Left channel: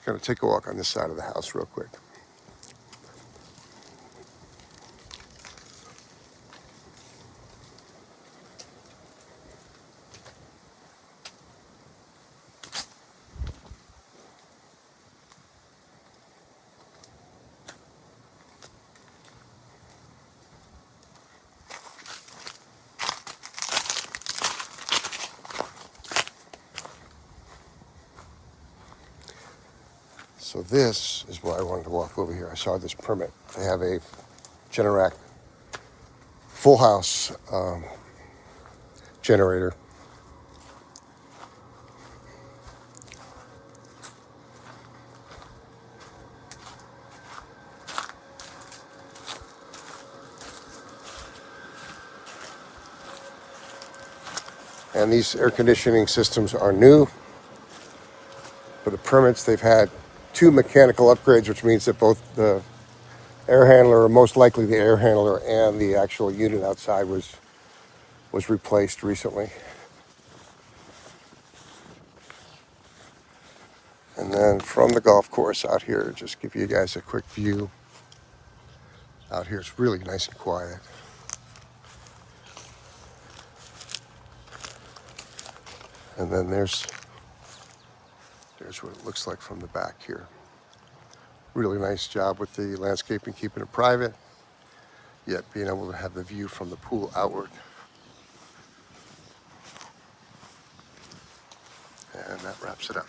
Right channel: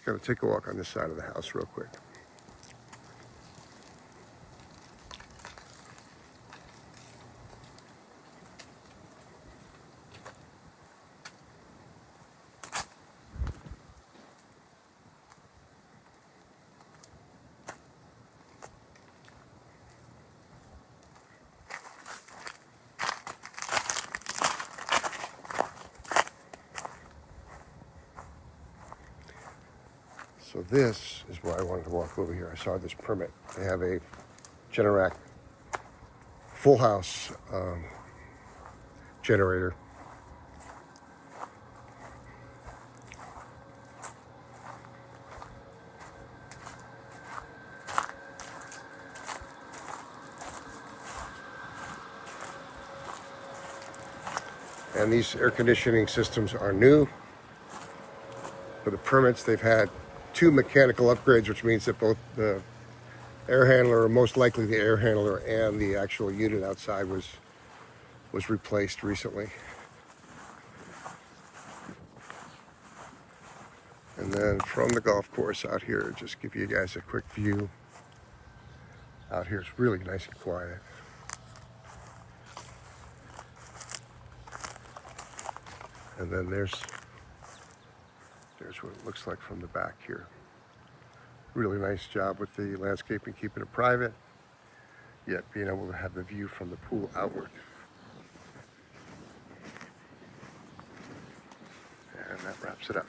Just gonna take a walk on this side of the house real quick. So this is why I wanted to walk over here. I saw this permit. They have a Generac full house generator. And these air conditioning systems are new. For the permits, they've had 2 mechanical upgrades, which means that both the air handler, or most likely the air handler, and the actual unit outside was replaced recently. And then from the golf course out here, just give you guys a quick view. Out here it's really nice and quiet. And then there's what it looks like from the back here. Really nice job with the landscaping, keeping it private, yet being able to have the view from the pool outward. And that wraps it up.